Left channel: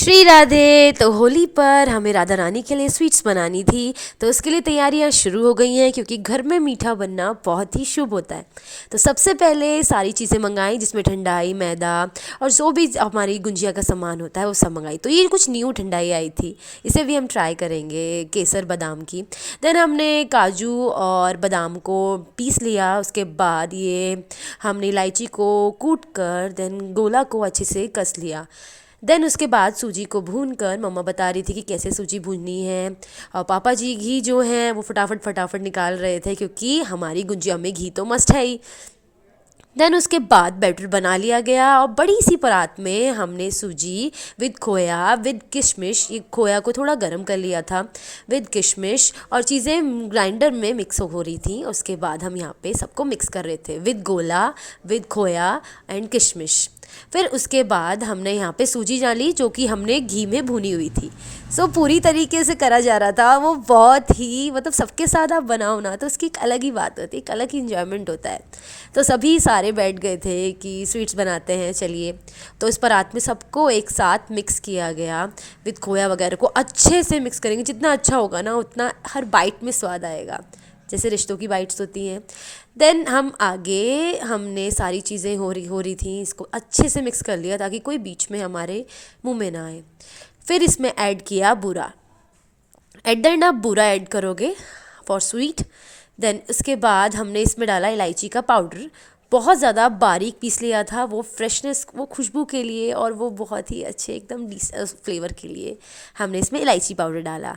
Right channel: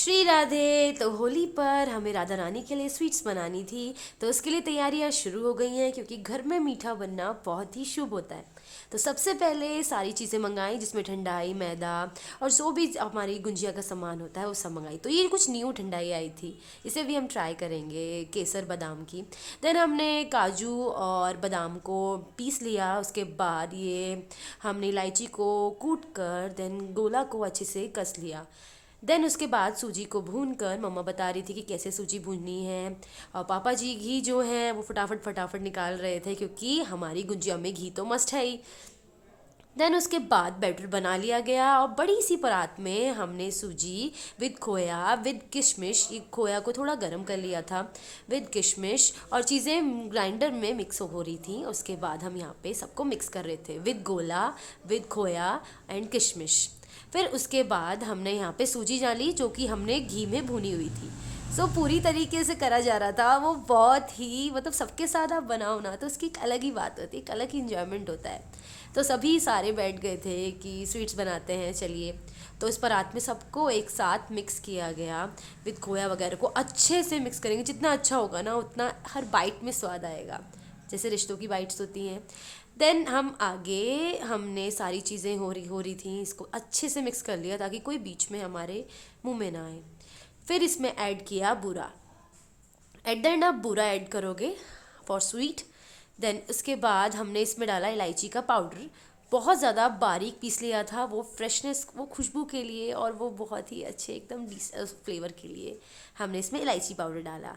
श्री राधे। तो होली पर हमें राधा रानी के लिए स्वीट्स बनानी थी, तो उसके लिए तैयारियां शुरू हो गई हैं क्योंकि घर में मीठा बनना बहुत ही शुभ होता है। तो सबसे पहले सारी चीज़ें मंगाई, जिसमें ठंडाई, मैदा और जो भी हमारी गुंजिया का सामान होता है वो सब मंगाई। तो ये कुछ न्यू ठंडाई आई थी, इसे भी हम ट्राई करेंगे, केसर बादाम की। देन हमने काजू और बादाम को पीस लिया। उसके बाद ये हमने इलायची को कूट कर देन गोला को अच्छे से कस लिया। देन उसके बाद सूजी को भून कर मम्मा बता रही थी कि कैसे सूजी भूननी है, और पापा जी घी जो है वो फटाफट फटाफट निकाल रहे थे क्योंकि हमारी गुंजिया में घी तो मस्ट है ही। देन उसके बाद बैटर बना लिया गया और बड़ी सी परात में हमने सूजी विद खोया विद किशमिश, ये खोया को थोड़ा गर्म कर लिया था, विद किशमिश और चीज़ें ग्राइंडर में मिक्स हो रही थी। उसके बाद हम यहाँ पे सबको मिक्स कर रहे थे विद गोला, विद खोया एंड किशमिश। फिर उसके बाद हमने यहाँ पे सूजी डाली जो कि हमने घी में भुनी हुई थी। सो पूरी तरीके से करा जा रहा था, वो बहुत ही मतलब सबके साथ आप बनाओ ना तो उसकी एक अलग ही बात होती है, एक अलग ही इन्जॉयमेंट होता है। तो सभी सारे बैठ गए थे कि स्वीट्स बनाते हैं चलिए। तो इस परात में सबको एक साथ मिक्स किया गया विद खोया वगैरह को अच्छे से मिक्स करेंगे। जितना अच्छा होगा ना उतना हर बाइट में स्वाद आएगा, जैसे रिश्तों की बाइट्स होती हैं। देन हम आगे हमने सारी चीज़ें हो रही थी, इसको अच्छे से मिक्स कर लिया ताकि कोई बीच में हमारे मुंह में ना आए। फिर इसमें ऐड किया बूरा। एट द एंड आप बूरा ऐड करोगे फॉर स्वीट। देन उसके बाद हमने इसमें डाला इलायची का पाउडर, बहुत ज़्यादा बारीक पीस लिया था, वो फ्रेशनेस, वो खुशबू के लिए और वो बहुत ही अच्छे एकदम फ्लेवर के लिए हमने इसमें इलायची पाउडर डाला।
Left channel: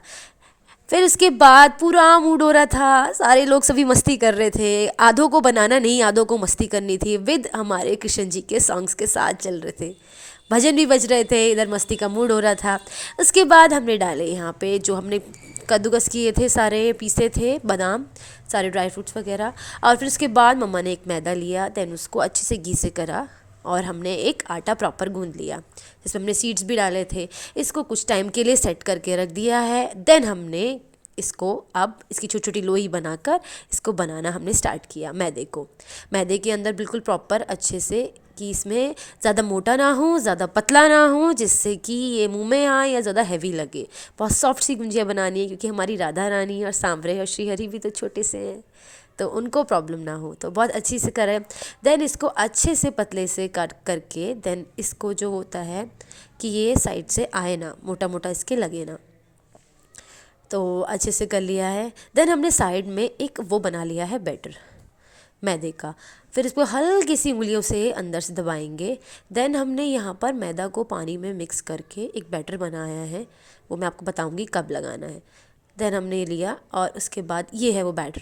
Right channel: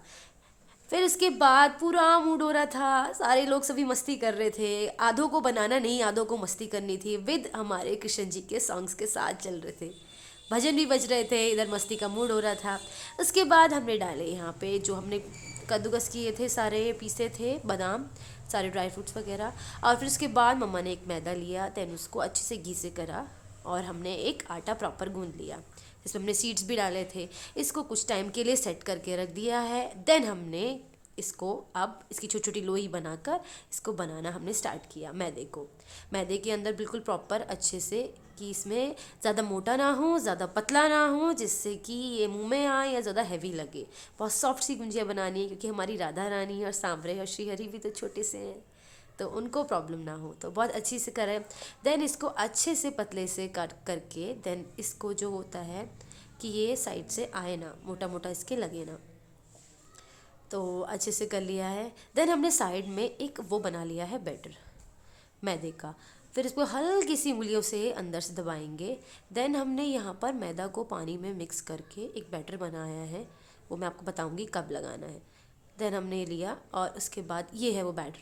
फिर उसके बाद पूरा मूड हो रहा था, सारे लोग सभी मस्ती कर रहे थे, आधों को बनाना नहीं आधों को मस्ती करनी थी, विद हमारे कृष्ण जी के सॉन्ग्स के साथ चल रहे थे, भजन भी बज रहे थे, इधर मस्ती का मूड हो रहा था। उसके बाद हमने डाले यहाँ पे जो हमने कद्दूकस किए थे, सारे पीसे थे बादाम, सारे ड्राई फ्रूट्स वगैरह। और फिर उसके बाद मम्मा ने एक मैदा लिया, देन उसको अच्छे से घी से करा और हमने एक आटा प्रॉपर गूंद लिया, इसमें हमने सीड्स भी डाले थे। इसको कुछ टाइम के लिए सेट करके रख दिया है। देन हमने इसको अब इसकी छोटी छोटी लोई बनाकर इसको बनाना हमने स्टार्ट किया। मैदे के अंदर बिल्कुल प्रॉपर अच्छे से कि इसमें ज़्यादा मोटा ना हो ज़्यादा पतला ना हो, जिससे कि ये मुंह में आए या ज़्यादा हैवी लगे। बहुत सॉफ्ट सी गुंजिया बनानी है क्योंकि हमारी राधा रानी और सांवरे और श्रीहरि भी तो छोटे से हैं, तो उनको प्रॉब्लम ना हो, तो बहुत अच्छी से करें। देन इसको अच्छे से पतले से कट करके देन इसको जो होता है कि ये साइड से आए ना, मोटा मोटा इसके लगे ना, तो अच्छे से कर लिया है। देन हमने साइड में एक वो बना लिया है बैटर मैदे का, फिर इसको हल्की सी उंगलियों से अंदर से दबाएंगे। देन हमने यहाँ पर मैदा को पानी में मिक्स करके एक बैटर बनाया है, वो मैं आपको बताऊँगी कब लगाना है। देन हमने ये लिया और उसके बाद ये है वो बैटर,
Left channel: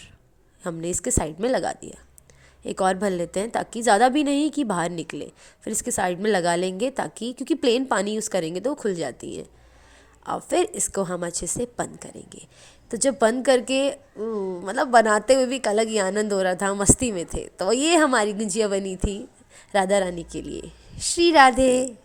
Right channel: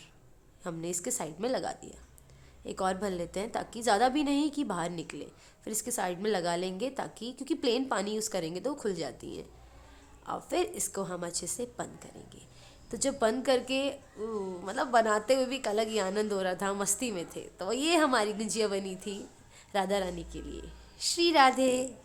हमने इसके साइड में लगा दिया। एक और भर लेते हैं ताकि ज़्यादा भी नहीं कि बाहर निकले, फिर इसके साइड में लगा लेंगे ताकि, क्योंकि प्लेन पानी यूज़ करेंगे तो वो खुल जाती हैं। और फिर इसको हम अच्छे से बंद करेंगे। तो जब बंद करके मतलब बनाते हुए भी एक अलग ही आनंद हो रहा था, मस्ती में थे। तो ये हमारी गुंजिया बनी थी राधा रानी के लिए। श्री राधे।